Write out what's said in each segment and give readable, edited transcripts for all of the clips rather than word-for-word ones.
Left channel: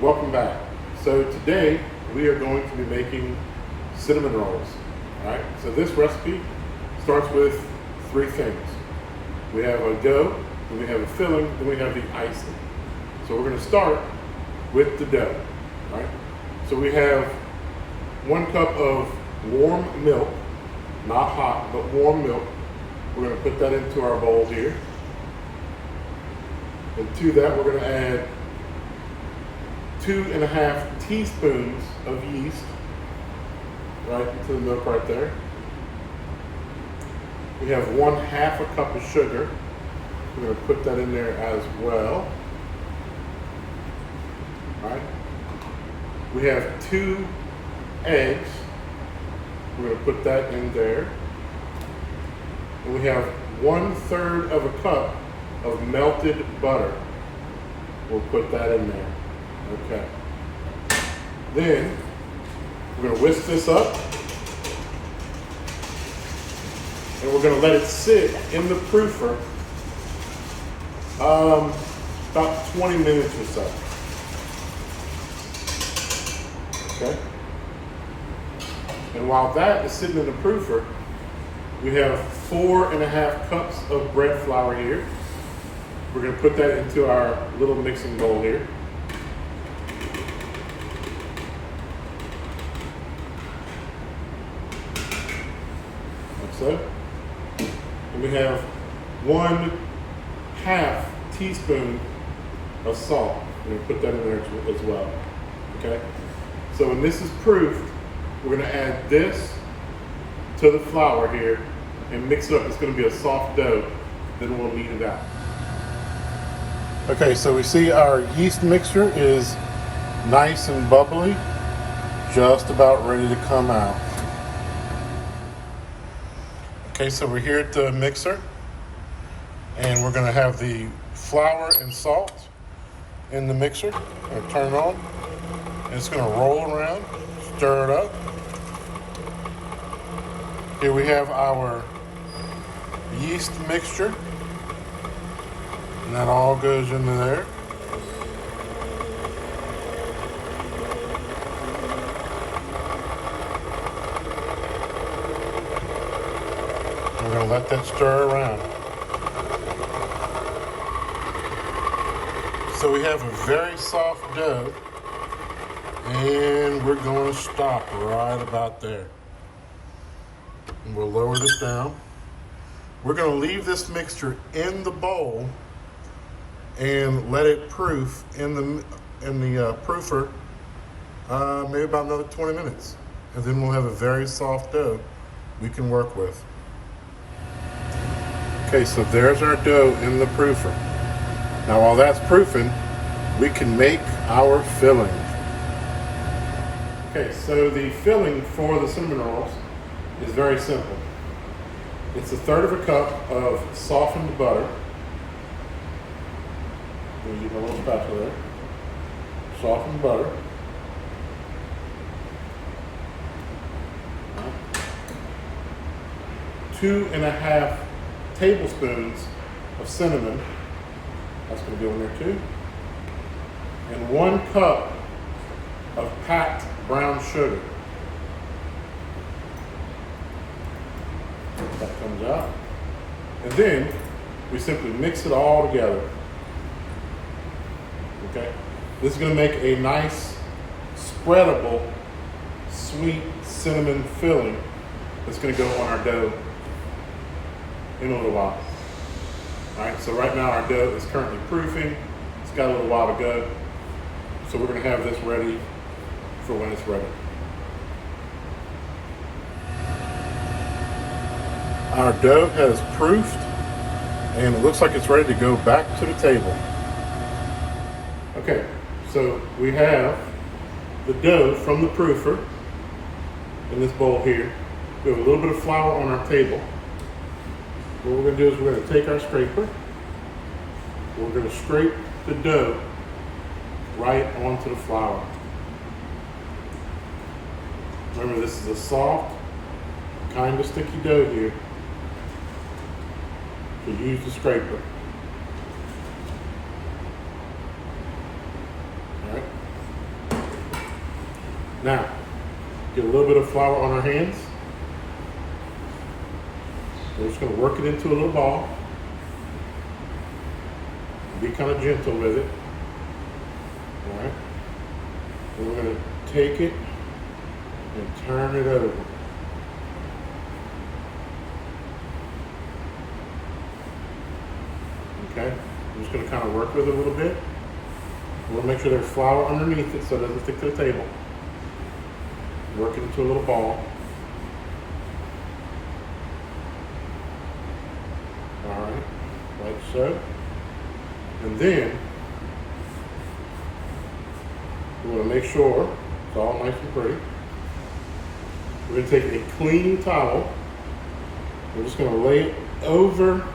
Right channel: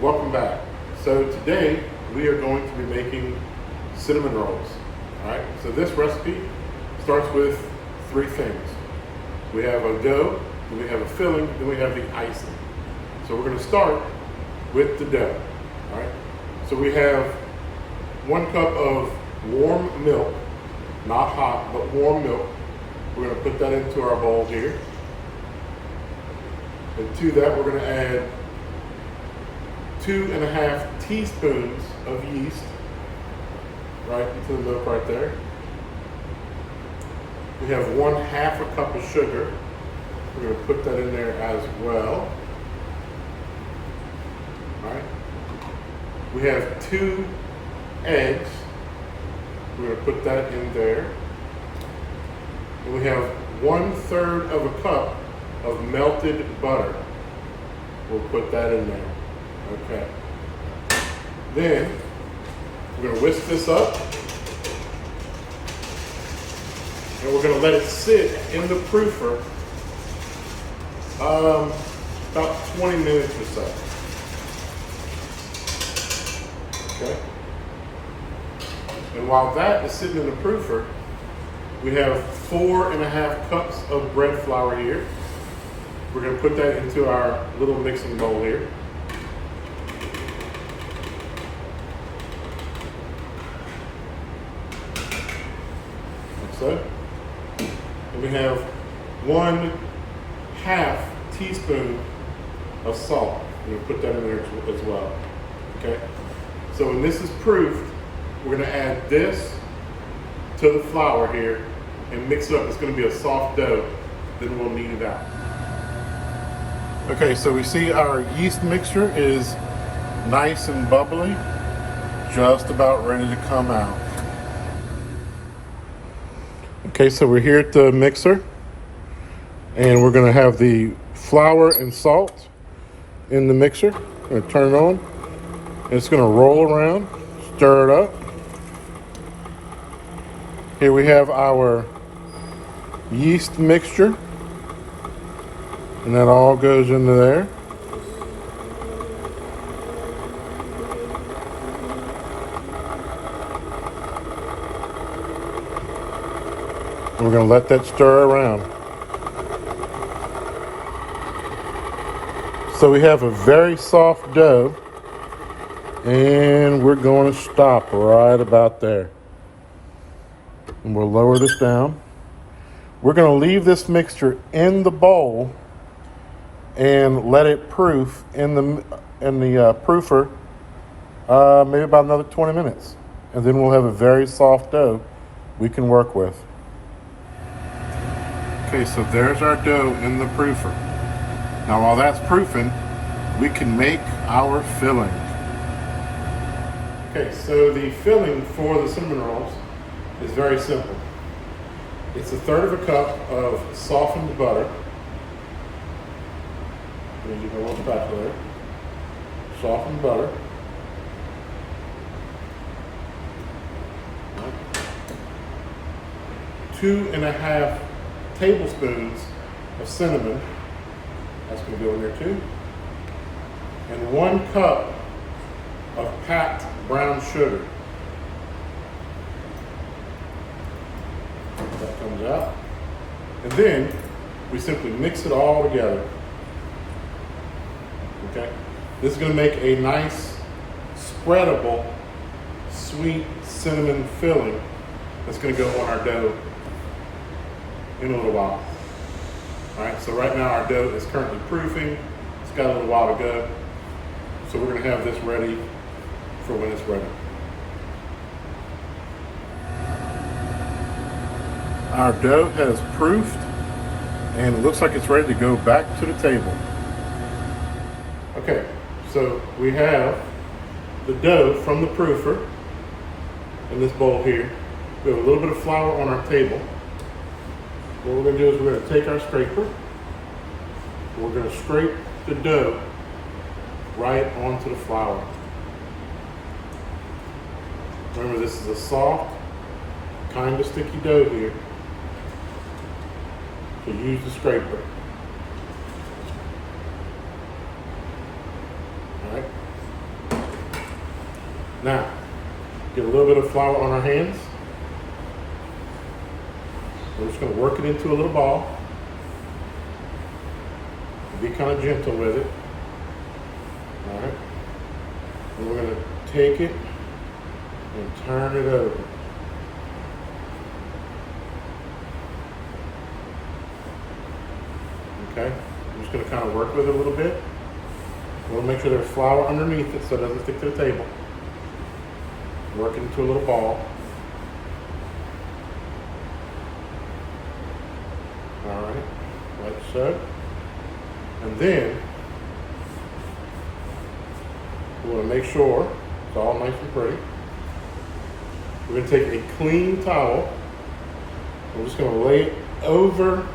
Welcome back. So today we are going to be making cinnamon rolls. All right, so this recipe starts with three things. We have a dough, then we have a filling, then we have the icing. So we're going to start with the dough. All right, so we have 1 cup of warm milk, not hot, but warm milk. We're going to put that into our bowl here. And to that, we're going to add 2.5 teaspoons of yeast right into the milk right there. We have 1/2 cup of sugar. We're going to put that in there as well. All right. We have 2 eggs. We're going to put that in there. And we have 1/3 of a cup of melted butter. We'll put that in there. Okay. Then we're going to whisk this up and we're going to let it sit in the proofer about 20 minutes or so. Okay. And while that is sitting in the proofer, we have 4.5 cups of bread flour here. We're going to put that into our little mixing bowl here. Like so. And we have 1/2 teaspoon of salt. We're going to put that in there as well. Okay? So when this is proofed, we're going to add this to the flour here and mix it up. It's going to be a soft dough. Then we'll knead it out. Okay, so we see our yeast mixture is nice and bubbly, just about ready to come out. Okay, so we're here at the mixer, and we're gonna have the flour and salt in the mixer. I'm gonna turn it on, and it's gonna roll around, stir it up. Here we have our yeast mixture. And that all goes into there. And we're going to let that stir around. So we have a very soft dough, and we're going to stop right about there. And we'll lower this down. We're going to leave this mixture in the bowl and let it proof in the proofer maybe about another 20 minutes. And then we'll have a very soft dough we can work with. Okay, so there's our dough in the proofer. Now while that's proofing, we can make our filling. Okay, so the filling for the cinnamon rolls is very simple. It's 1/3 cup of softened butter. You get a little spatula there. Softened butter. Right. 2.5 tablespoons of cinnamon. That's going to go in there too. And 1 cup of packed brown sugar. That comes out. And then we simply mix it all together. Okay, this is going to make a nice, spreadable, sweet cinnamon filling that's going to go on our dough in a little while. All right, so right now our dough is currently proofing. It's got a little while to go. So we're going to have this ready for when it's ready. Our dough has proofed, and it looks like it's ready to go back to the table. Okay, so we have the dough from the proofer in this bowl here. We have a little bit of flour on our table. What we're going to do is we're going to take our scraper. We're going to scrape the dough right onto the flour. Remember, this is a soft, kind of sticky dough here. So use the scraper. All right. Now, get a little bit of flour on our hands. We're just going to work it into a little ball. Be kind of gentle with it. All right. And we're going to take it and turn it over. Okay. I'm just going to kind of work with it a little bit. We'll make sure there's flour underneath it so it doesn't stick to the table. Work it into a little ball. All right, like so. And then we want to make sure it's all nice and pretty. We're going to take a clean towel. We're just going to lay it over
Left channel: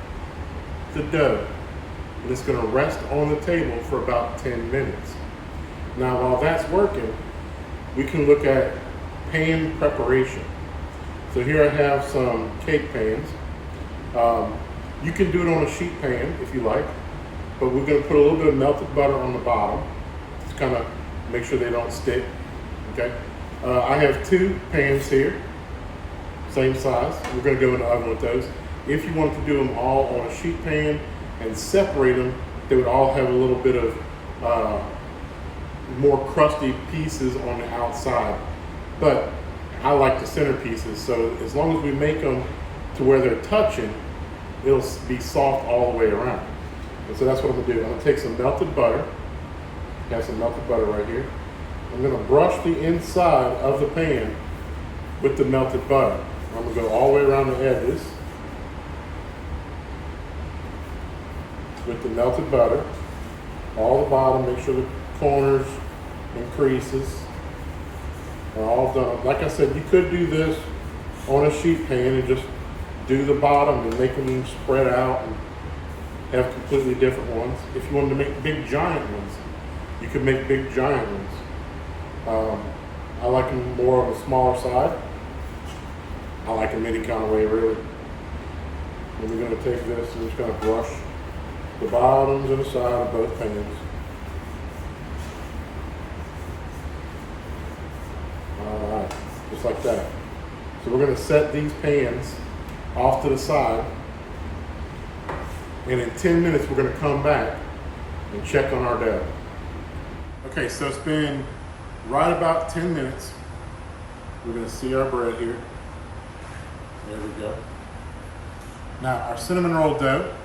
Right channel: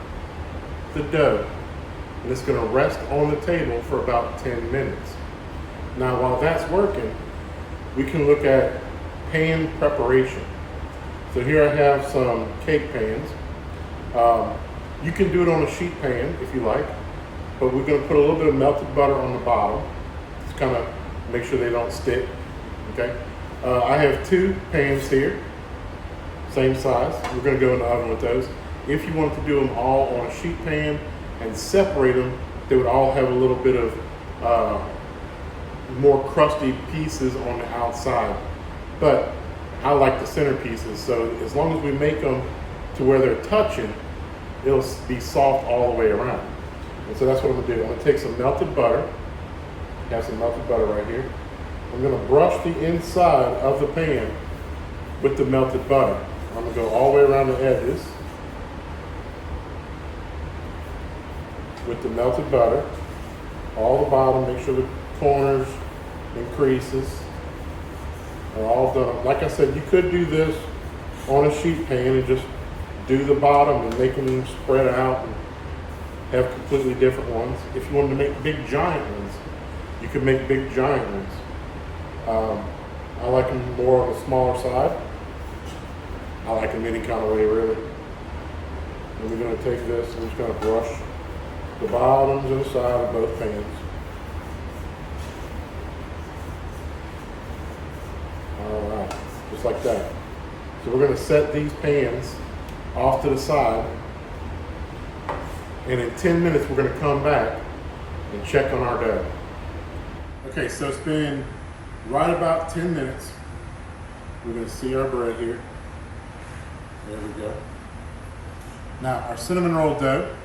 the dough. And it's going to rest on the table for about 10 minutes. Now, while that's working, we can look at pan preparation. So here I have some cake pans. You can do it on a sheet pan if you like, but we're going to put a little bit of melted butter on the bottom to kind of make sure they don't stick. Okay. I have 2 pans here, same size. We're going to go in the oven with those. If you wanted to do them all on a sheet pan and separate them, they would all have a little bit of more crusty pieces on the outside. But I like the center pieces, so as long as we make them to where they're touching, it'll be soft all the way around. And so that's what I'm gonna do. I'm gonna take some melted butter. I have some melted butter right here. I'm gonna brush the inside of the pan with the melted butter. I'm gonna go all the way around the edges with the melted butter, all the bottom, make sure the corners and creases are all done. Like I said, you could do this on a sheet pan and just do the bottom and make them spread out and have completely different ones. If you wanted to make big giant ones, you could make big giant ones. I like them more on the smaller side. I like them any kind of way, really. And we're going to take this and we're just going to brush the bottoms and the side of both pans. All right, just like that. So we're going to set these pans off to the side, and in 10 minutes we're going to come back and check on our dough. Okay, so it's been right about 10 minutes. We're going to see our bread here. There we go. Now our cinnamon roll dough,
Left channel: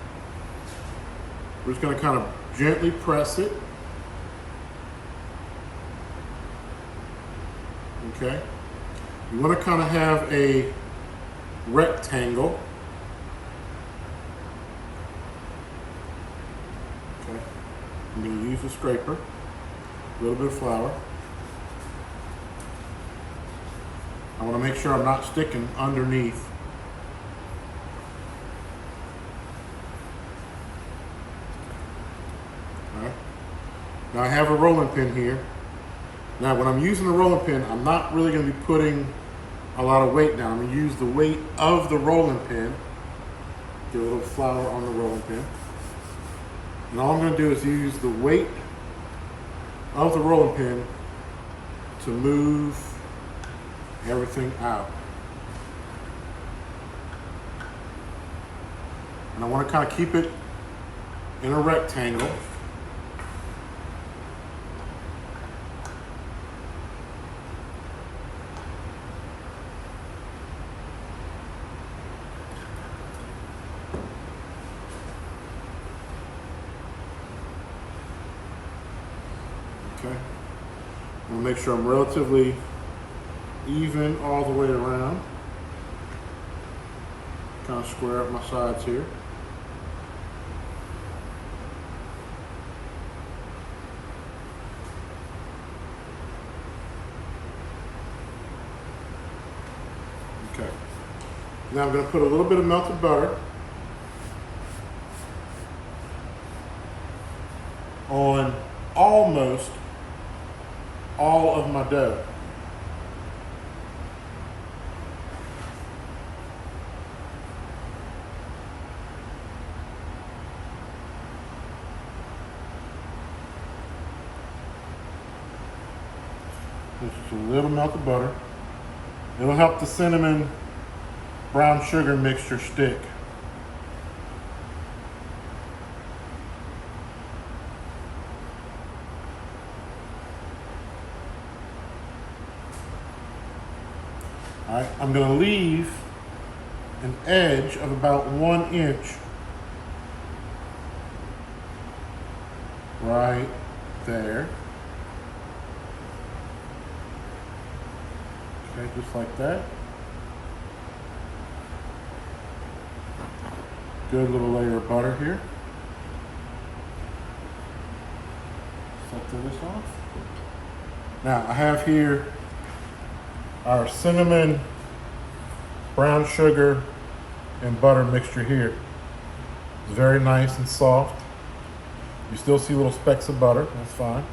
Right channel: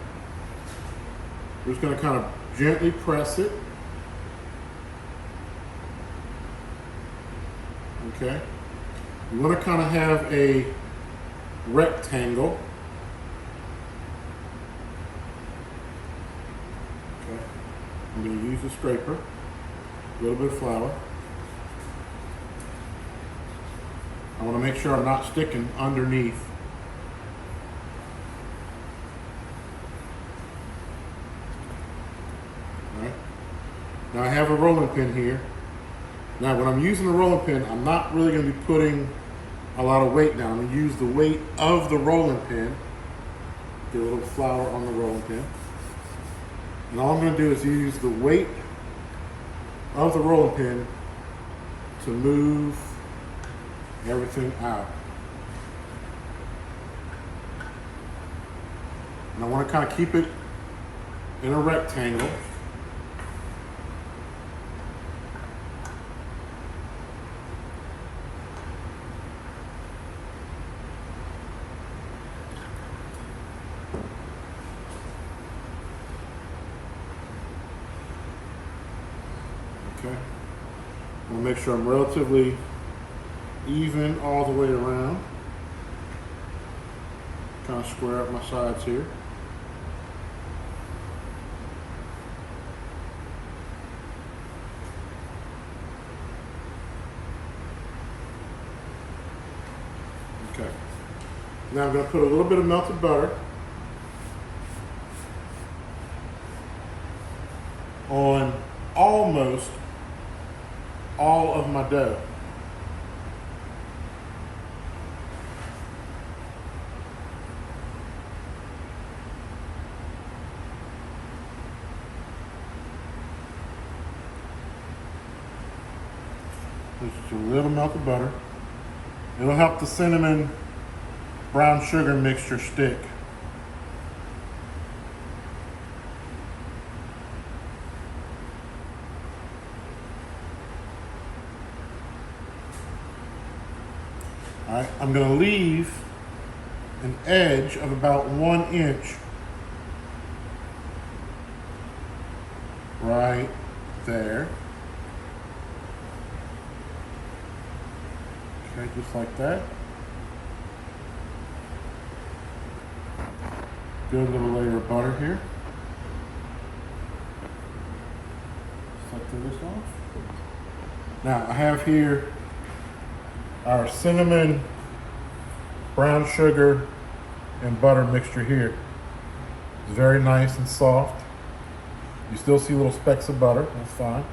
we're just going to kind of gently press it. Okay. You want to kind of have a rectangle. Okay. I'm going to use a scraper, a little bit of flour. I want to make sure I'm not sticking underneath. All right. Now I have a rolling pin here. Now when I'm using the rolling pin, I'm not really going to be putting a lot of weight down. I'm going to use the weight of the rolling pin. Get a little flour on the rolling pin. And all I'm going to do is use the weight of the rolling pin to move everything out. And I want to kind of keep it in a rectangle. Okay. I'm going to make sure I'm relatively even all the way around. Kind of square up my sides here. Okay. Now I'm going to put a little bit of melted butter on almost all of my dough. Just a little melted butter. It'll help the cinnamon brown sugar mixture stick. All right, I'm going to leave an edge of about 1 inch right there. Okay, just like that. Good little layer of butter here. Set this off. Now I have here our cinnamon, brown sugar, and butter mixture here. It's very nice and soft. You still see little specks of butter, that's fine.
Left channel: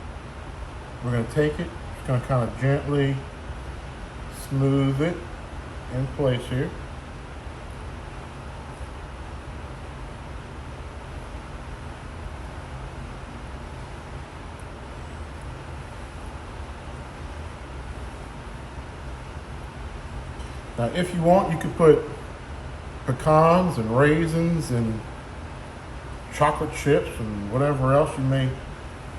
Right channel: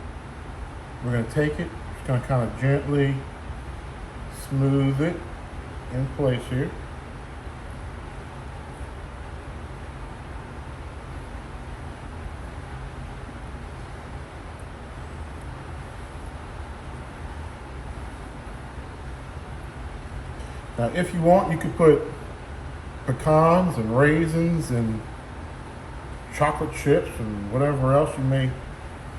We're gonna take it, just gonna kind of gently smooth it in place here. Now, if you want, you could put pecans and raisins and chocolate chips and whatever else you may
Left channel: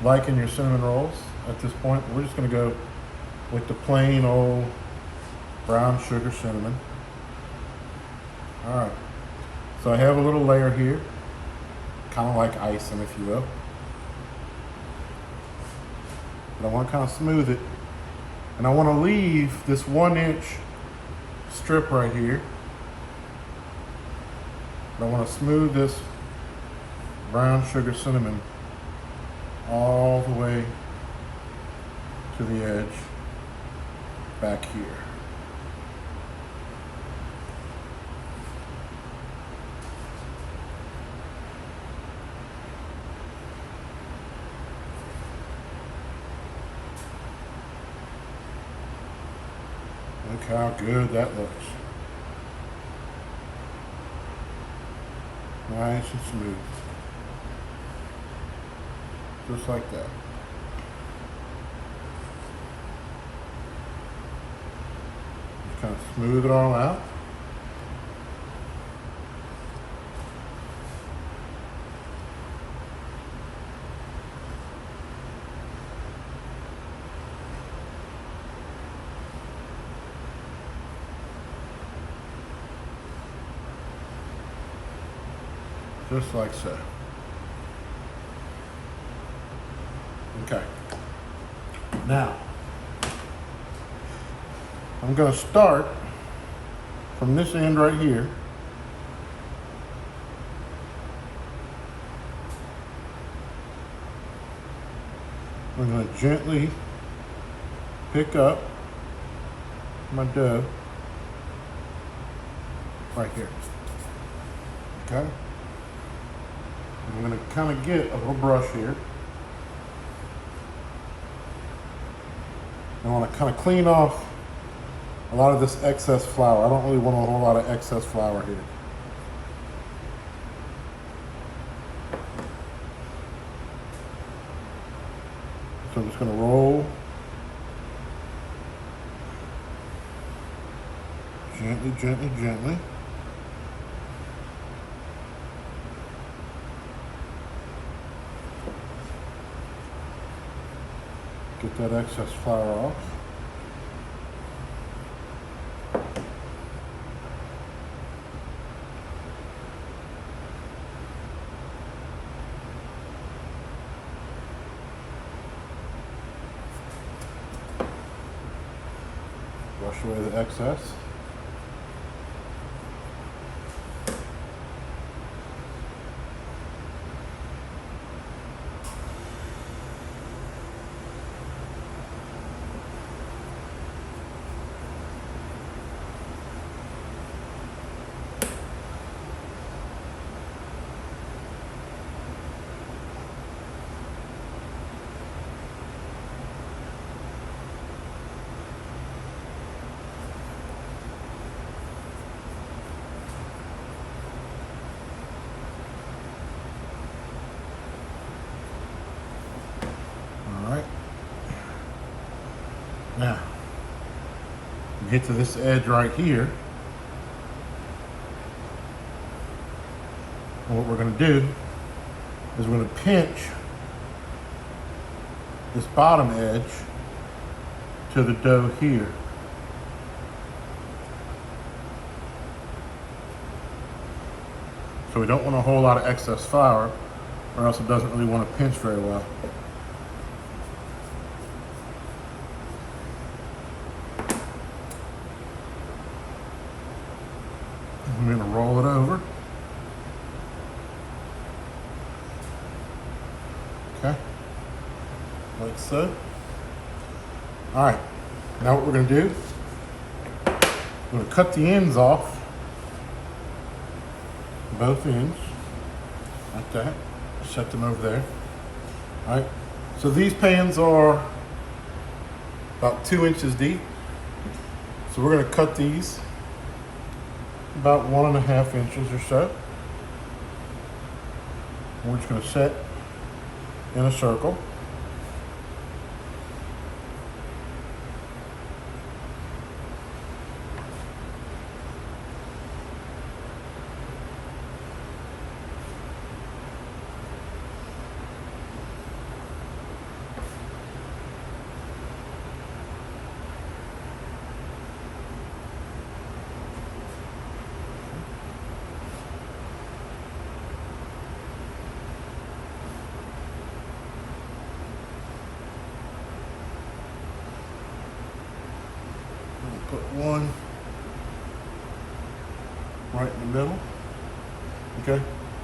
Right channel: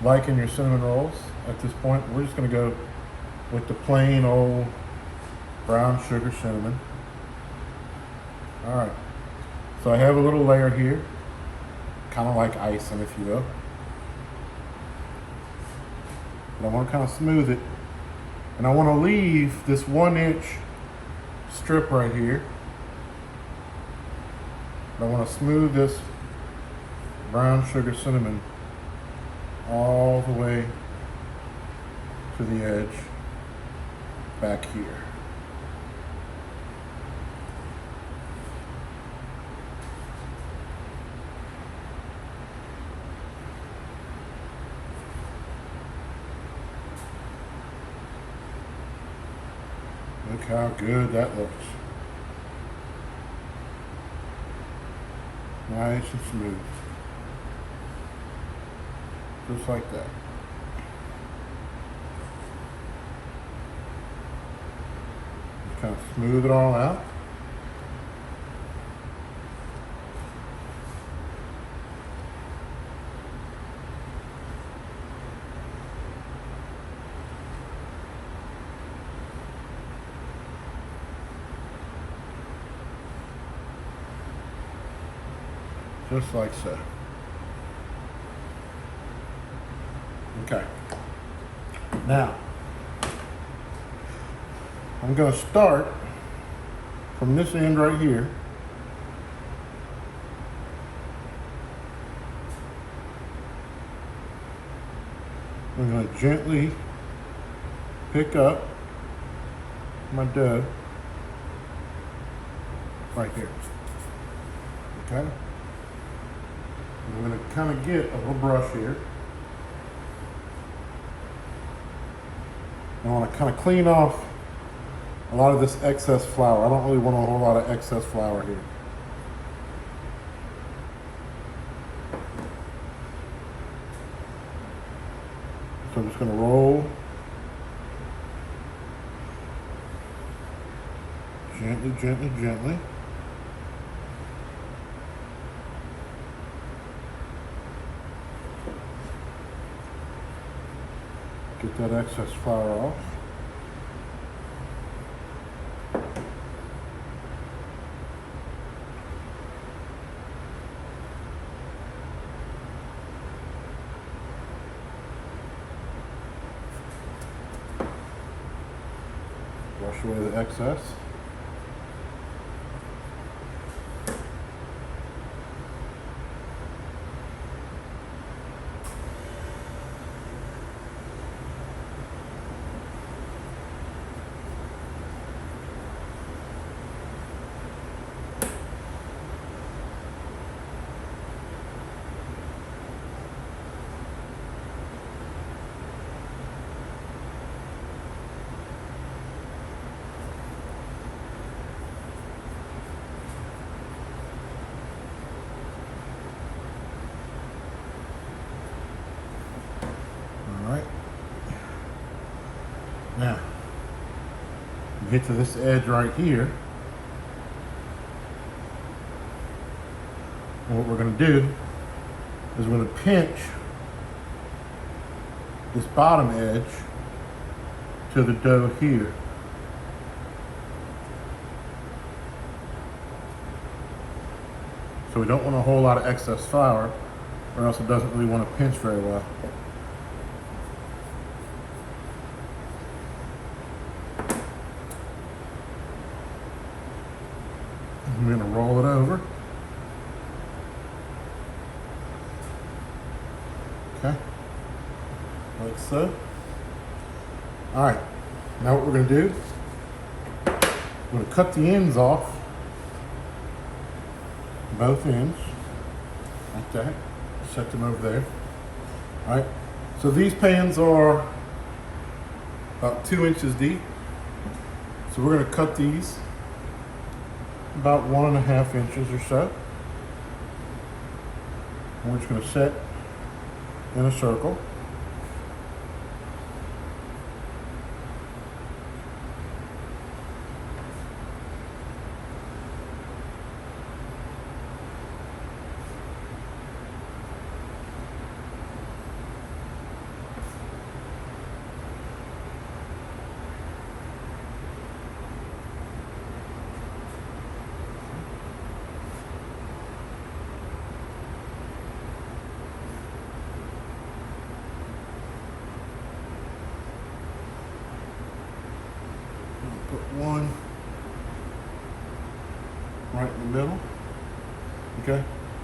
like in your cinnamon rolls. At this point, we're just going to go with the plain old brown sugar cinnamon. All right, so I have a little layer here, kind of like icing, if you will. But I want to kind of smooth it, and I want to leave this 1 inch strip right here. But I want to smooth this brown sugar cinnamon all the way to the edge back here. Look how good that looks. Nice and smooth. Just like that. Just kind of smooth it all out. Just like so. Okay. Now, I'm going to start from this end right here. I'm going to gently pick up my dough right here. Okay? I'm going to kind of get a little brush here. I want to kind of clean off a lot of this excess flour. I don't really want a whole lot of excess flour here. So I'm just going to roll gently, gently, gently. Get that excess flour off. Wash away the excess. Now, you get to this edge right here. And what we're going to do is we're going to pinch this bottom edge to the dough here. So we don't want a whole lot of excess flour, or else it doesn't really want to pinch very well. I'm going to roll it over. Okay, like so. All right, now what we're going to do, we're going to cut the ends off, both ends, like that. Set them over there. All right, so these pans are about 2 inches deep. So we're going to cut these about 1.5 inches or so. And we're just going to set in a circle. Put one right in the middle. Okay,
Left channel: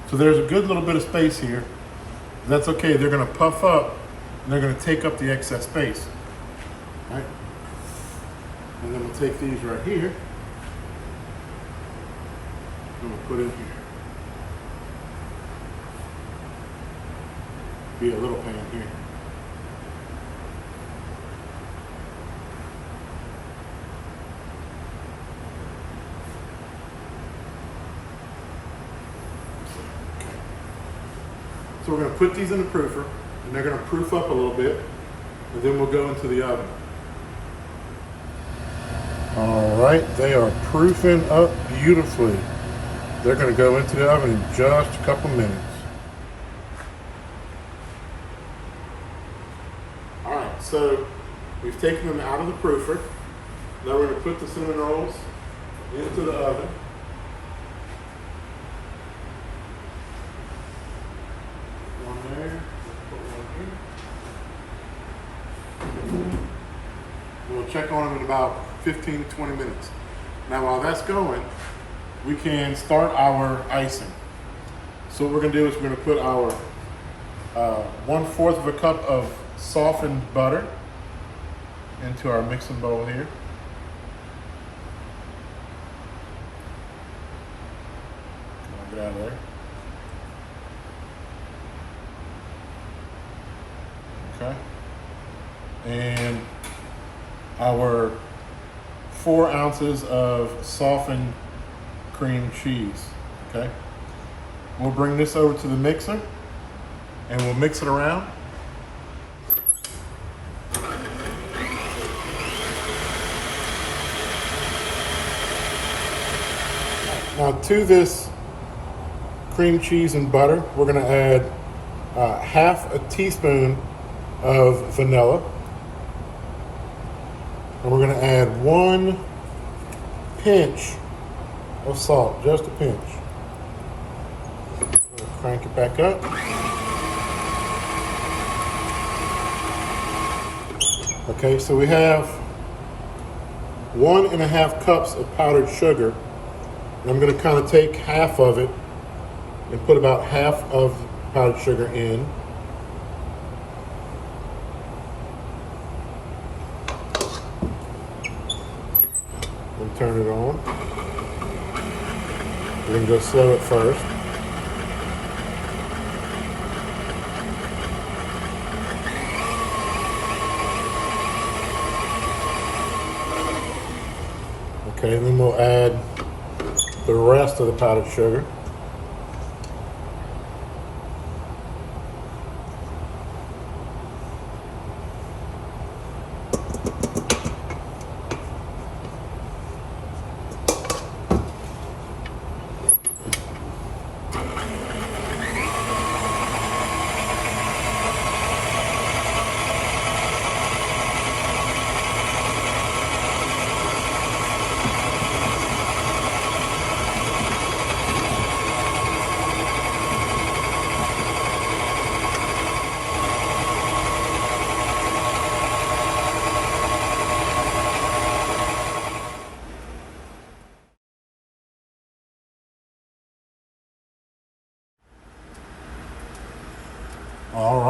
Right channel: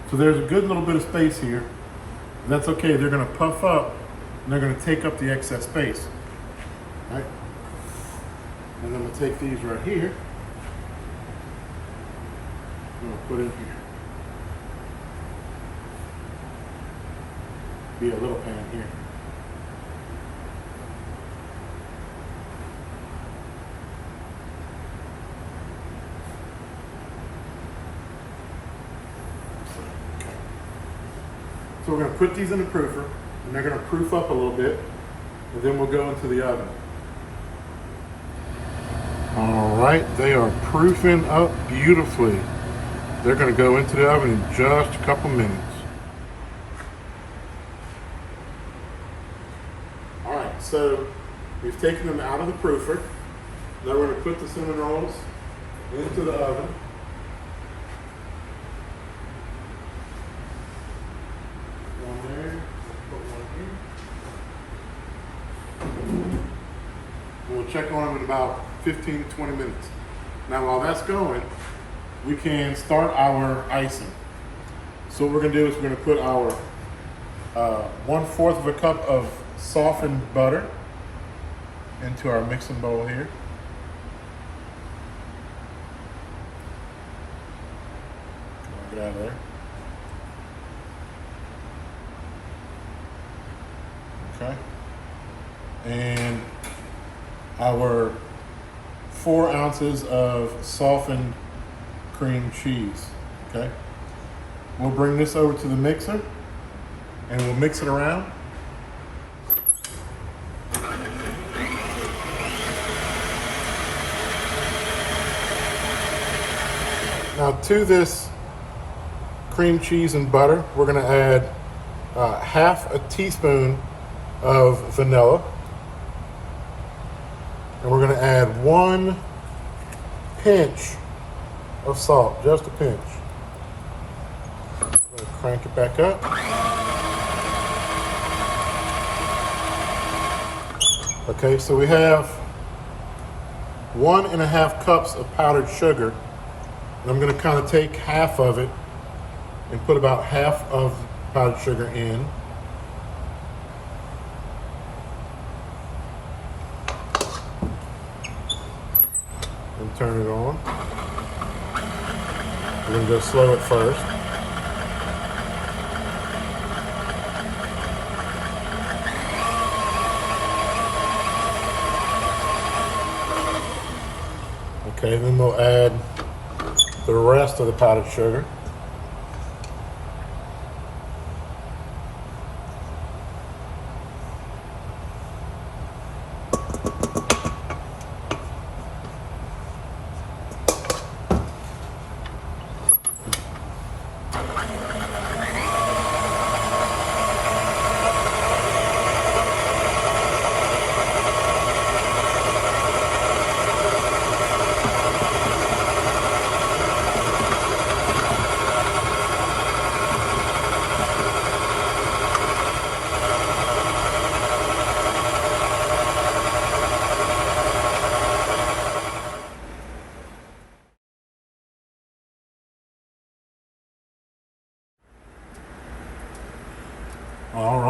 so there's a good little bit of space here. That's okay. They're going to puff up and they're going to take up the excess space. All right, and then we'll take these right here and we'll put in here. Be a little pan here. So we're going to put these in the proofer, and they're going to proof up a little bit, and then we'll go into the oven. All right, they are proofing up beautifully. They're going to go into the oven in just a couple minutes. All right, so we've taken them out of the proofer. Now we're going to put the cinnamon rolls into the oven. We'll check on them in about 15 to 20 minutes. Now while that's going, we can start our icing. So what we're gonna do is we're gonna put our 1/4 of a cup of softened butter into our mixing bowl here. Get out of there. Okay. And our 4 ounces of softened cream cheese. Okay. We'll bring this over to the mixer and we'll mix it around. Now to this cream cheese and butter, we're going to add 1/2 teaspoon of vanilla. And we're going to add 1 pinch of salt, just a pinch. Crank it back up. Okay, so we have 1.5 cups of powdered sugar. And I'm going to kind of take half of it and put about half of powdered sugar in. And turn it on. We're going to go slow at first. Okay, and then we'll add the rest of the powdered sugar.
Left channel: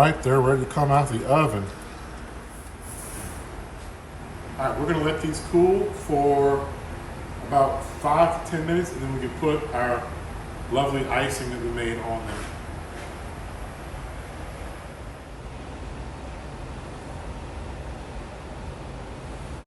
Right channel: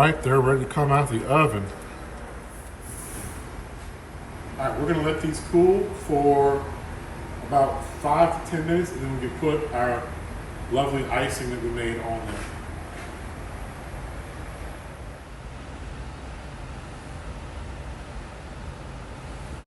right, they're ready to come out of the oven. All right, we're gonna let these cool for about 5 to 10 minutes, and then we can put our lovely icing that we made on them.